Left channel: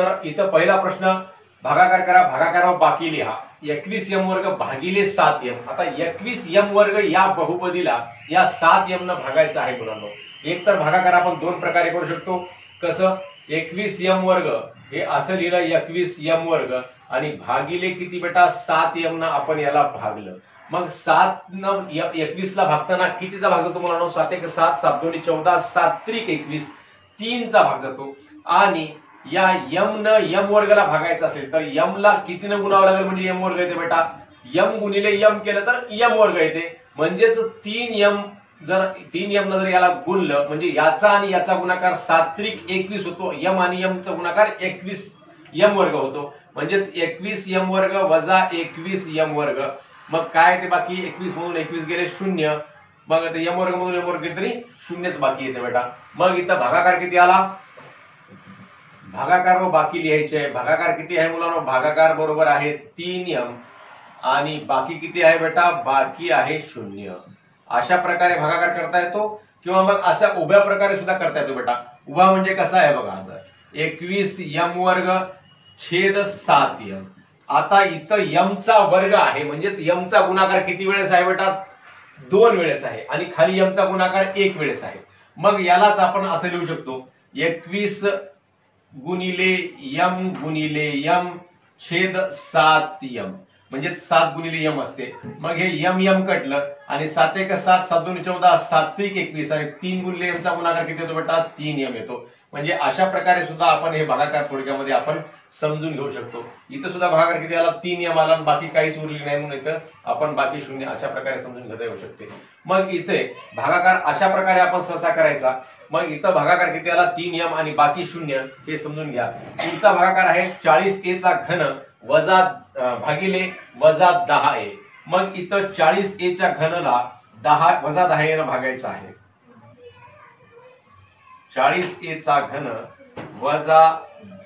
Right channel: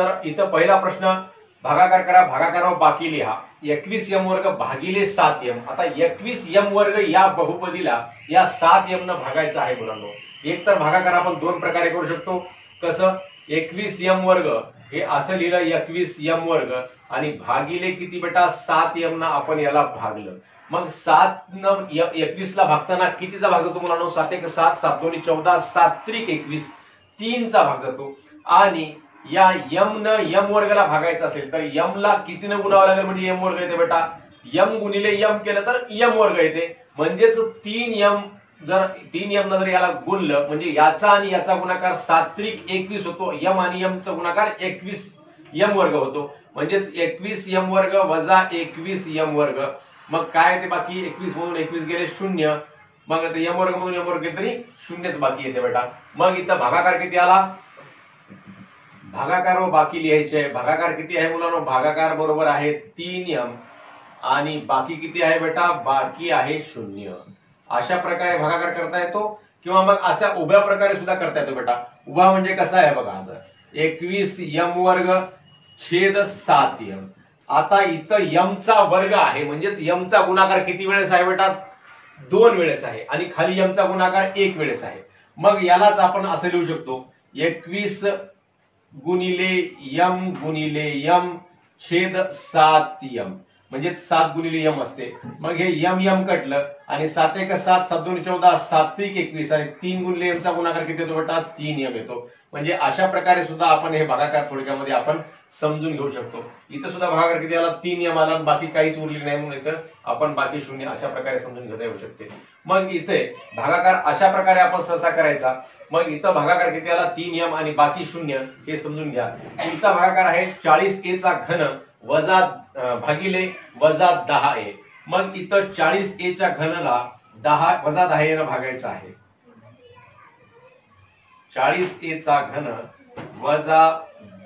तर इथं पहिला प्रश्न भागाकार करा, भागाकारावर बाकी लिहा. 21m वर्ग भागिले 7m. आता 21m वर्ग या बहुपदीला या 7m न भागायचं आहे मुलांनो. एक तर भागाकार आपण दोन प्रकारे करू शकतो. कसं? 21m वर्ग हे असं लिहिलं 21m वर्ग आणि भागिले किती बेटा 7m न आपण याला भागलं. मग 7 न 21 ला भागताना कितीचा भाग जातो मुलांनो? 7 1 7, 7 2 14, 7 3 21, 3 चा भाग जातो. आणि या m न m वर्गाला भागायचं असेल तर m ला कितीनं गुणावं लागेल म्हणजे m वर्ग येते बेटा. m गुणिले m केलं तर m वर्ग येते. म्हणजेच 3m जर 3m न जर याला गुणलं म्हणजे याचा आणि याचा गुणाकार 7 3 21 होतो. m आणि m चा गुणाकार 21m वर्ग होतो. म्हणजेच 21m वर्ग वजा 21m वर्ग. मग काय येते बाकी? 21 मधून 21 गेले 0. मग आता m वर्ग मधून m वर्ग गेले तरी 0च बाकी येते बेटा. मग इथं भागाकार किती आला? भागाकार व बाकी लिहायचे. भागाकार किती आहे मुलांनो? भागाकार बरोबर आहे 3m आणि बाकी किती आहे बेटा? बाकी आहे 0. अशा प्रकारे भागाकार करता येतो किंवा मग अशा उभ्या प्रकारे सुद्धा करता येतो बेटा. उभा म्हणजे कसा आहे बघा, असं 21m वर्ग छेद 7m. आता इथं m चा वर्ग आहे म्हणजेच m चा गुणाकार किती वेळेस आहे बेटा? 2 वेळेस आहे आणि खाली m चा गुणाकार 1 वेळेस आहे. मग यालाच आपण असं लिहू शकतो 21 गुणिले m छेद 7m. म्हणजे 7 गुणिले m असते. मग हे m कटलं आणि 7 1 7, 7 2 14, 7 3 21 आणि 3 गुणिले m चा गुणाकार किती येतो बेटा? 3m येतो. म्हणजे अशा प्रकारे सुद्धा आपण हे भागाकार थोडक्यामध्ये आपण समजून घेऊ शकतो. इथं सुद्धा भागाकार किती आला? 3m आला आणि बाकी काहीच उरले नाही म्हणून इथं आपण बाकी 0 अशा प्रकारे समजून घेता येऊ शकते. मग इथे भागाकार अशा प्रकारे आपण सहसा करायचा. मग इथं भागाकार किती आला? 3m आणि बाकी 0 हे समजून घ्या. पुढचा भागाकार आहे 40a चा घन वजा भागिले वजा 10a. मग इथं 40a च्या घनला 10 वजा 10a ने भागायचं आहे. 40a चा घन वजा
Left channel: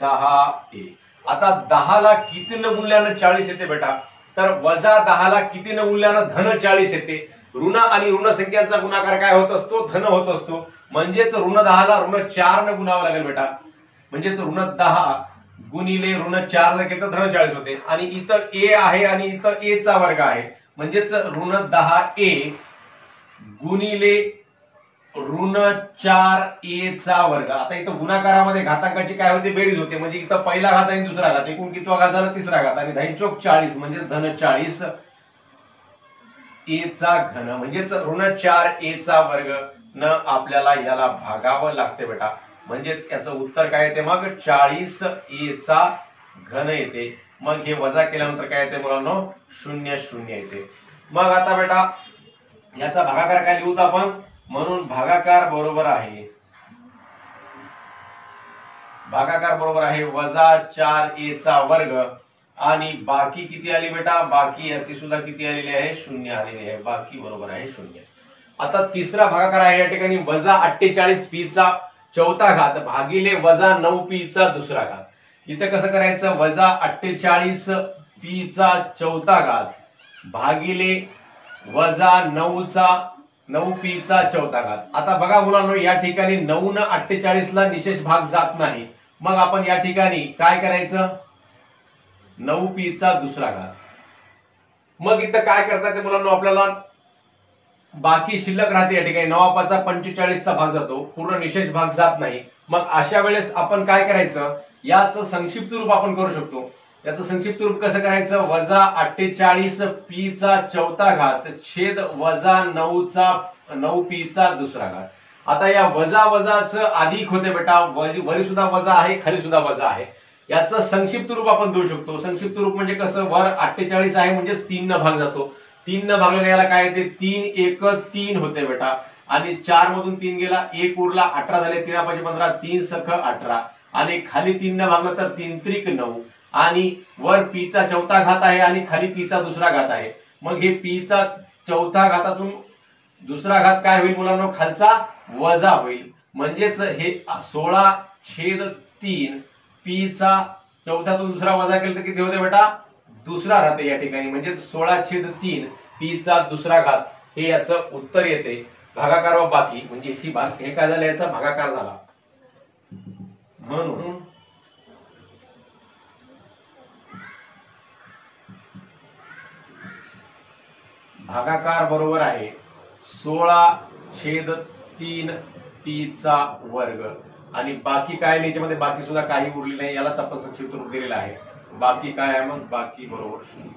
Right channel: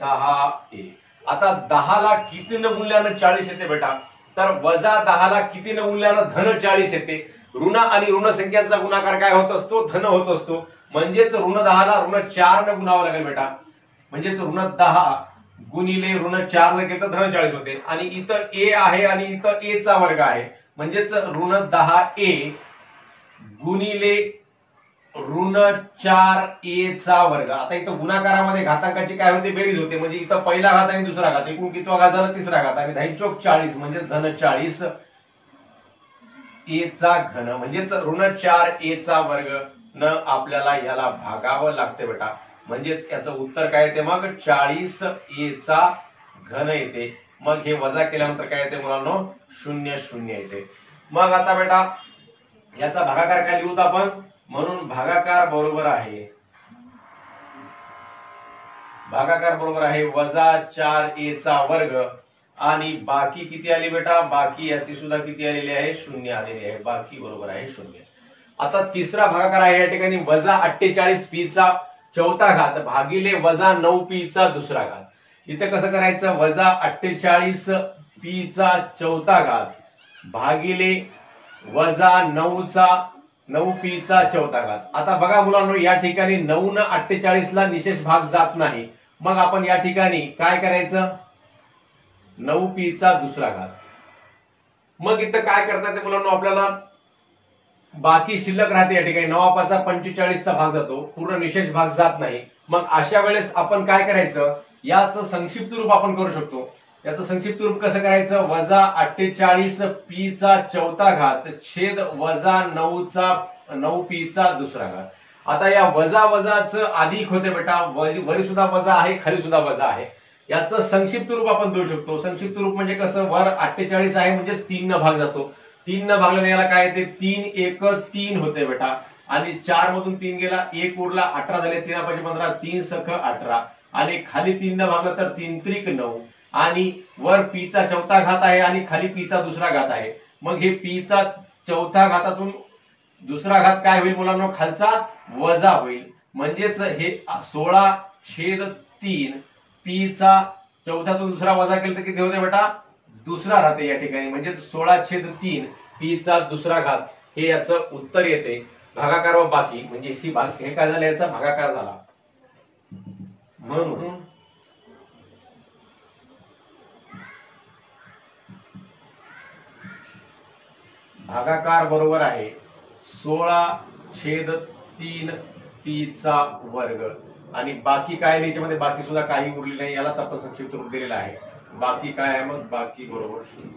10a. आता 10 ला कितीनं गुणल्यानं 40 येते बेटा? तर वजा 10 ला कितीनं गुणल्यानं धन 40 येते. ऋण आणि ऋण संख्यांचा गुणाकार काय होत असतो? धन होत असतो. म्हणजेच ऋण 10 ला ऋण 4 न गुणावं लागेल बेटा. म्हणजेच ऋण 10 गुणिले ऋण 4 न केलं धन 40 होते. आणि इथं a आहे आणि इथं a चा वर्ग आहे. म्हणजेच ऋण 10a गुणिले ऋण 4a चा वर्ग. आता इथं गुणाकारामध्ये घातांकाची काय होते? बेरीज होते. म्हणजे इथं पहिला घात आणि दुसरा घात, एकूण कितवा घात झाला? तिसरा घात. आणि 10 चौक 40 म्हणजे धन 40 a चा घन. म्हणजेच ऋण 4a चा वर्ग न आपल्याला याला भागावं लागते बेटा. म्हणजेच याचं उत्तर काय येते? मग 40a चा घन येते. मग हे वजा केल्यानंतर काय येते मुलांनो? 0 0 येते. मग आता बेटा याचा भागाकार काय लिहूत आपण? म्हणून भागाकार बरोबर आहे वजा 4a चा वर्ग आणि बाकी किती आली बेटा? बाकी याची सुद्धा किती आलेली आहे? 0 आलेली आहे. बाकी बरोबर आहे 0. आता तिसरा भागाकार आहे या ठिकाणी वजा 48p चा चौथा घात भागिले वजा 9p चा दुसरा घात. इथे कसं करायचं? वजा 48p चा चौथा घात भागिले वजा 9p चा चौथा घात. आता बघा मुलांनो, या ठिकाणी 9 न 48 ला निशेष भाग जात नाही. मग आपण या ठिकाणी काय करायचं? 9p चा दुसरा घात. मग इथं काय करता येते मुलांनो? आपल्याला बाकी शिल्लक राहते. या ठिकाणी 9 45 चा भाग जातो, पूर्ण निशेष भाग जात नाही. मग अशा वेळेस आपण काय करायचं? याचं संक्षिप्त रूप आपण करू शकतो. याचं संक्षिप्त रूप कसं करायचं? वजा 48p चा चौथा घात छेद वजा 9p चा दुसरा घात. आता या वजा वजाचं अधिक होते बेटा. वरी सुद्धा वजा आहे, खाली सुद्धा वजा आहे. याचं संक्षिप्त रूप आपण देऊ शकतो. संक्षिप्त रूप म्हणजे कसं? वर 48 आहे म्हणजेच 3 न भाग जातो. 3 न भागल्याने याला काय येते? 3 1 3 होते बेटा. आणि 4 मधून 3 गेला, 1 उरला, 18 झाले. 3 5 15, 3 सख 18 आणि खाली 3 न भागलं तर 3 त्रिक 9 आणि वर p चा चौथा घात आहे आणि खाली p चा दुसरा घात आहे. मग हे p चा चौथा घातातून दुसरा घात काय होईल मुलांनो? खालचा वजा होईल. म्हणजेच हे 16/3 p चा चौथ्यातून दुसरा वजा केला तर किती होते बेटा? दुसरा राहते या ठिकाणी. म्हणजे 16/3 p चा दुसरा घात हे याचं उत्तर येते. भागाकार व बाकी म्हणजे हे काय झालं? याचा भागाकार झाला. म्हणून भागाकार बरोबर आहे 16/3 पी चा वर्ग आणि बाकी काय नाही, याच्यामध्ये बाकी सुद्धा काही उरले नाही, यालाच आपण संक्षिप्त रूप दिलेलं आहे. बाकी काय आहे, मग बाकी बरोबर 0.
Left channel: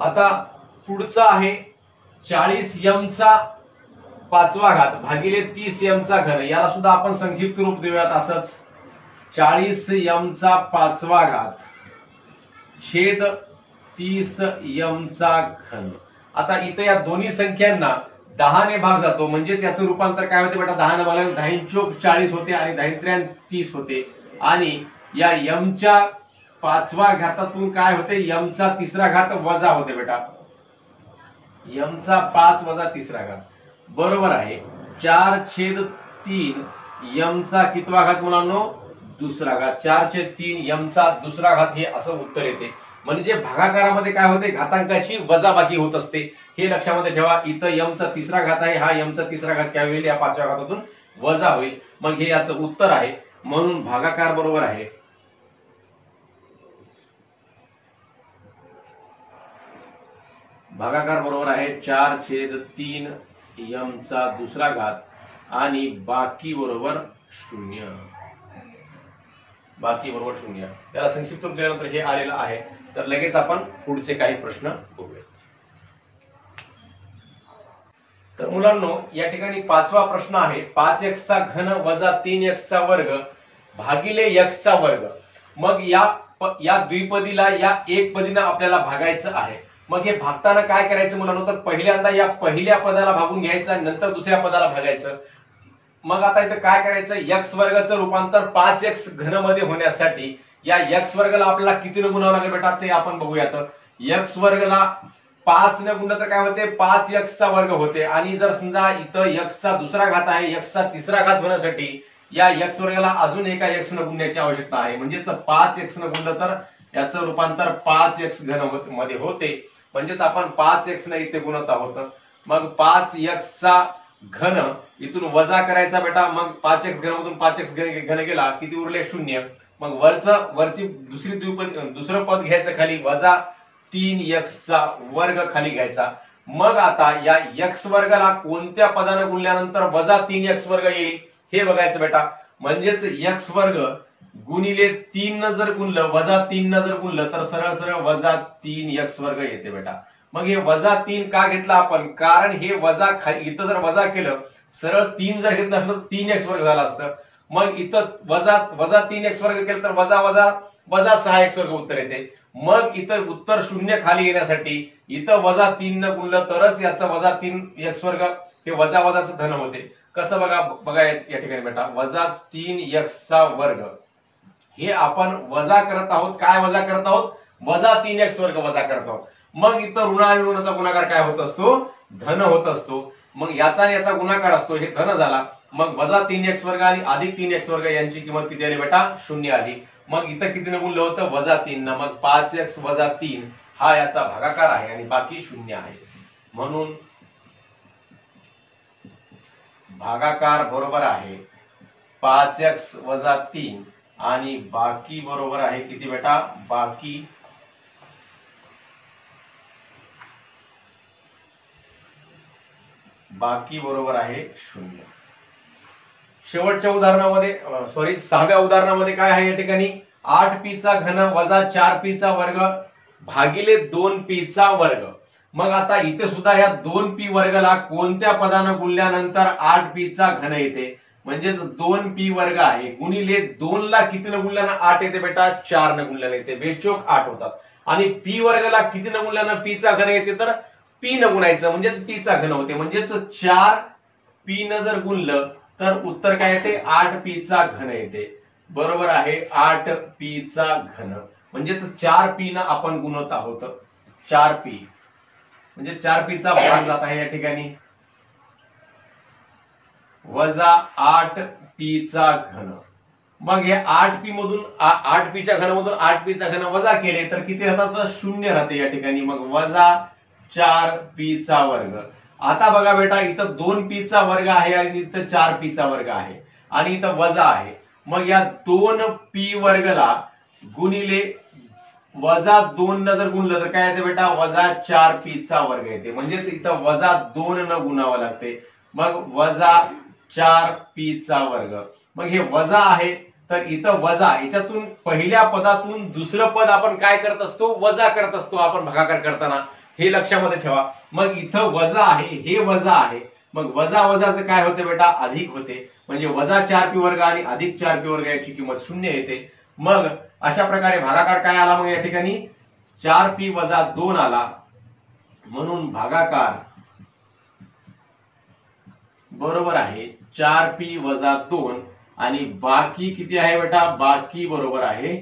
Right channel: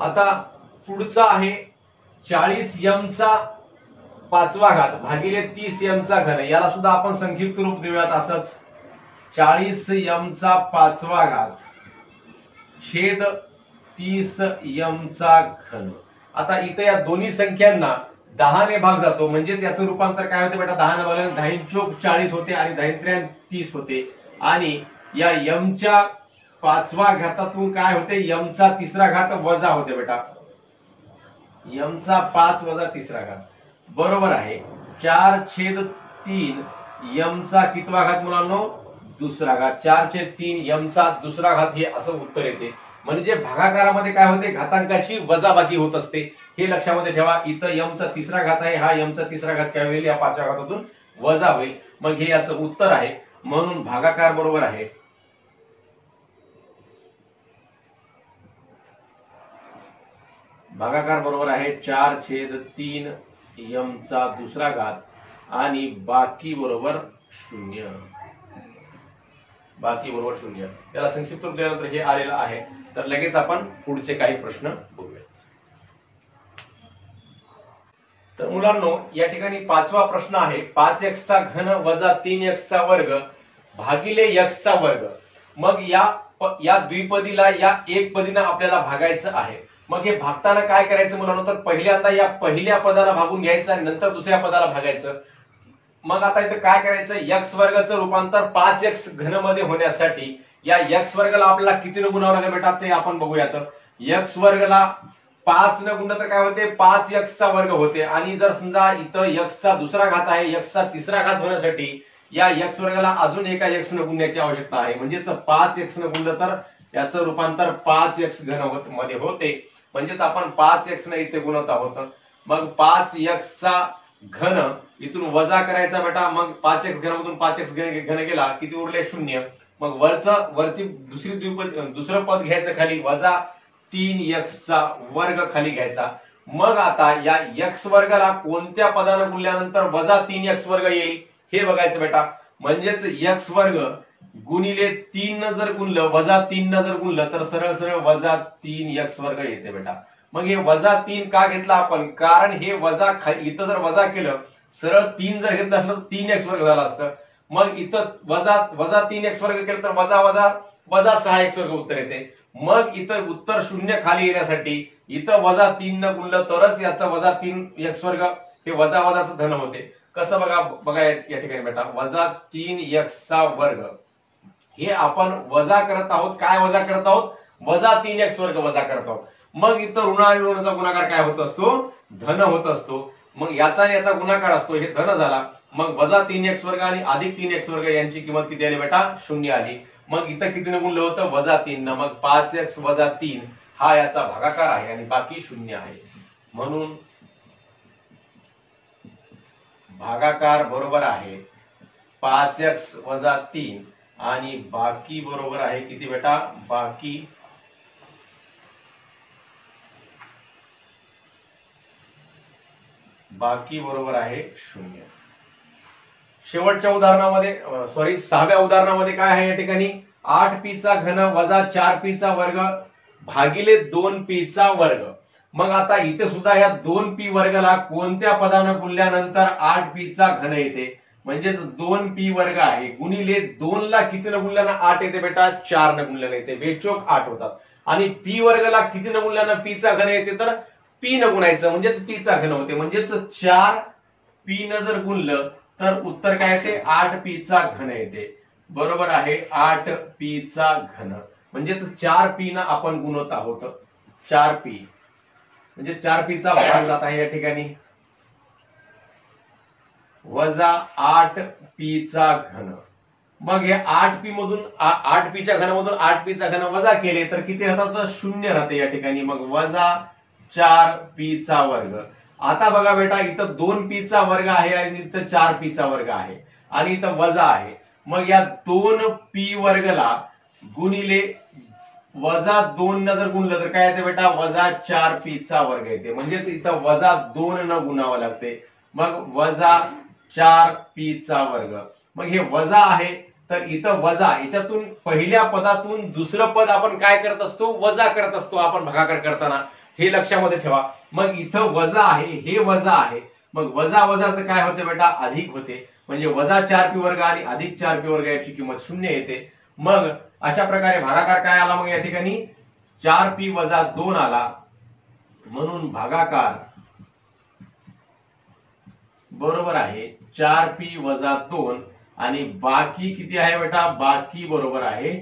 आता पुढचा आहे 40m चा 5वा घात भागिले 30m चा घन. याला सुद्धा आपण संक्षिप्त रूप देऊयात असंच 40m चा 5वा घात छेद 30m चा घन. आता इथं या दोन्ही संख्यांना 10 ने भाग जातो, म्हणजे त्याचं रूपांतर काय होते बेटा, 10 ने भागल्याने 10 चोक 40 होते आणि 10 30 होते. आणि या m च्या 5व्या घातातून काय होते, m चा 3रा घात वजा होते बेटा, m चा 5 वजा 3रा घात बरोबर आहे 4/3 m चा कितवा घात मुलांनो, 2रा घात. 4/3 m चा 2रा घात हे असं उत्तर येते. म्हणजे भागाकारामध्ये काय होते, घातांकाची वजाबाकी होत असते, हे लक्षामध्ये ठेवा. इथं m चा 3रा घात आहे, हा m चा 3रा घात काय होईल, या 5व्या घातातून वजा होईल. मग हे याचं उत्तर आहे. म्हणून भागाकार बरोबर आहे भागाकार बरोबर आहे 4/3 m चा 2रा घात आणि बाकी बरोबर 0. बाकी बरोबर 0. त्याला संक्षिप्त रूप दिल्यानंतर हे आलेलं आहे. तर लगेच आपण पुढचे काही प्रश्न बघूया. तर मुलांनो या ठिकाणी 5वा प्रश्न आहे 5x चा घन वजा 3x चा वर्ग भागिले x चा वर्ग. मग या द्विपदीला या एकपदीनं आपल्याला भागायचं आहे. मग हे भागताना काय करायचं मुलांनो, तर पहिल्यांदा या पहिल्या पदाला भागून घ्यायचं आणि नंतर दुसऱ्या पदाला भागायचं. मग आता इथं काय करायचं, x वर्गाचं रूपांतर 5x घन मध्ये होण्यासाठी या x वर्गाला आपल्याला कितीने गुणावं लागेल बेटा, ते आपण बघूयात. x वर्गाला 5 ने गुणलं तर काय होते, 5x चा वर्ग होते. आणि जर समजा इथं x चा 2रा घात आहे, x चा 3रा घात होण्यासाठी या x वर्गाला अजून एका x ने गुणण्याची आवश्यकता आहे. म्हणजेच 5x ने गुणलं तर याचं रूपांतर 5x घन मध्ये होते. म्हणजेच आपण 5x ने इथे गुणत आहोत. मग 5x चा घन इथून वजा करायचा बेटा. मग 5x घन मधून 5x घन गेला, किती उरले 0. मग वरची दुसरं पद घ्यायचं खाली, वजा 3x चा वर्ग खाली घ्यायचा. मग आता या x वर्गाला कोणत्या पदाने गुणल्यानंतर वजा 3x वर्ग येईल हे बघायचं बेटा. म्हणजेच x वर्ग गुणिले 3 न जर गुणलं, वजा 3 न जर गुणलं तर सरळ सरळ वजा 3x वर्ग येते बेटा. मग हे वजा 3 का घेतला आपण, कारण हे वजा इथं जर वजा केलं, सरळ 3 जर घेतलं असलं तर 3x वर्ग झाला असतं. मग इथं वजा 3x वर्ग केलं तर वजा 6x वर्ग उत्तर येते. मग इथं उत्तर 0 खाली येण्यासाठी इथं वजा 3 न गुणलं तरच याचा वजा 3x वर्ग हे वजा वजाचं धन होते. कसं बघा या ठिकाणी बेटा, वजा 3x चा वर्ग हे आपण वजा करत आहोत. काय वजा करत आहोत, वजा 3x वर्ग वजा करत आहोत. मग इथं ऋण आणि ऋणाचा गुणाकार काय होत असतो, धन होत असतो. मग याचा आणि याचा गुणाकार असतो, हे धन झाला. मग वजा 3x वर्ग आणि अधिक 3x वर्ग यांची किंमत किती आली बेटा, 0 आली. मग इथं कितीने गुणलं होतं, वजा 3 न. मग 5x वजा 3 हा याचा भागाकार आहे आणि बाकी 0 आहे. म्हणून भागाकार बरोबर आहे 5x वजा 3 आणि बाकी बरोबर आहे किती बेटा, बाकी बरोबर आहे 0. शेवटच्या उदाहरणामध्ये 6व्या उदाहरणामध्ये काय आहे या ठिकाणी, 8p चा घन वजा 4p चा वर्ग भागिले 2p चा वर्ग. मग आता इथे सुद्धा या 2p वर्गाला कोणत्या पदानं गुणल्यानंतर 8p चा घन येते. म्हणजेच 2p वर्ग आहे गुणिले 2 ला कितीनं गुणल्यानं 8 येते बेटा, 4 न गुणल्यानं येते, बेचोक 8 होतात. आणि p वर्गाला कितीनं गुणल्यानं p चा घन येते, तर p न गुणायचं म्हणजेच p चा घन होते. म्हणजेच 4p न जर गुणलं तर उत्तर काय येते, 8p चा घन येते. बरोबर आहे 8p चा घन. म्हणजेच 4p न आपण गुणत आहोत. 4p म्हणजे 4p चा भाग जात आहे या ठिकाणी वजा 8p चा घन. मग हे 8p मधून 8p च्या घनामधून 8p चा घन वजा केले तर किती राहतात, तर 0 राहते या ठिकाणी. मग वजा 4p चा वर्ग. आता बघा बेटा, इथं 2p चा वर्ग आहे आणि इथं 4p चा वर्ग आहे आणि इथं वजा आहे. मग या 2p वर्गला गुणिले -2 न जर गुणलं तर काय येते बेटा, -4p चा वर्ग येते. म्हणजेच इथं -2 न गुणावं लागते. मग -4p चा वर्ग. मग हे वजा आहे तर इथं वजा, याच्यातून पहिल्या पदातून दुसरं पद आपण काय करत असतो, वजा करत असतो आपण भागाकार करताना, हे लक्षामध्ये ठेवा. मग इथं वजा आहे, हे वजा आहे. मग वजा वजाचं काय होते बेटा, अधिक होते. म्हणजे -4p वर्ग आणि +4p वर्ग याची किंमत 0 येते. मग अशा प्रकारे भागाकार काय आला, मग या ठिकाणी 4p - 2 आला. म्हणून भागाकार बरोबर आहे 4p - 2 आणि बाकी किती आहे बेटा, बाकी बरोबर आहे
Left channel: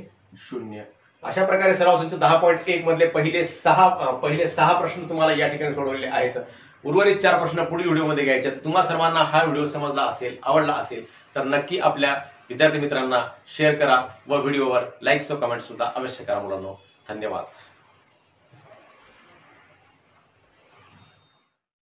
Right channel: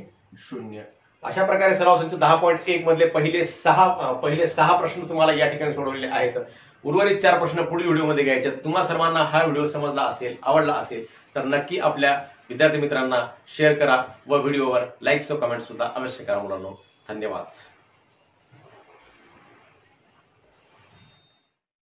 0. अशा प्रकारे सराव संच 10.1 मधले पहिले सहा प्रश्न तुम्हाला या ठिकाणी सोडवलेले आहेत. उर्वरित 4 प्रश्न पुढील व्हिडिओमध्ये घ्यायचे. तुम्हा सर्वांना हा व्हिडिओ समजला असेल, आवडला असेल तर नक्की आपल्या विद्यार्थी मित्रांना शेअर करा व व्हिडिओवर लाईक्स व कमेंट सुद्धा अवश्य करा मुलांनो. धन्यवाद.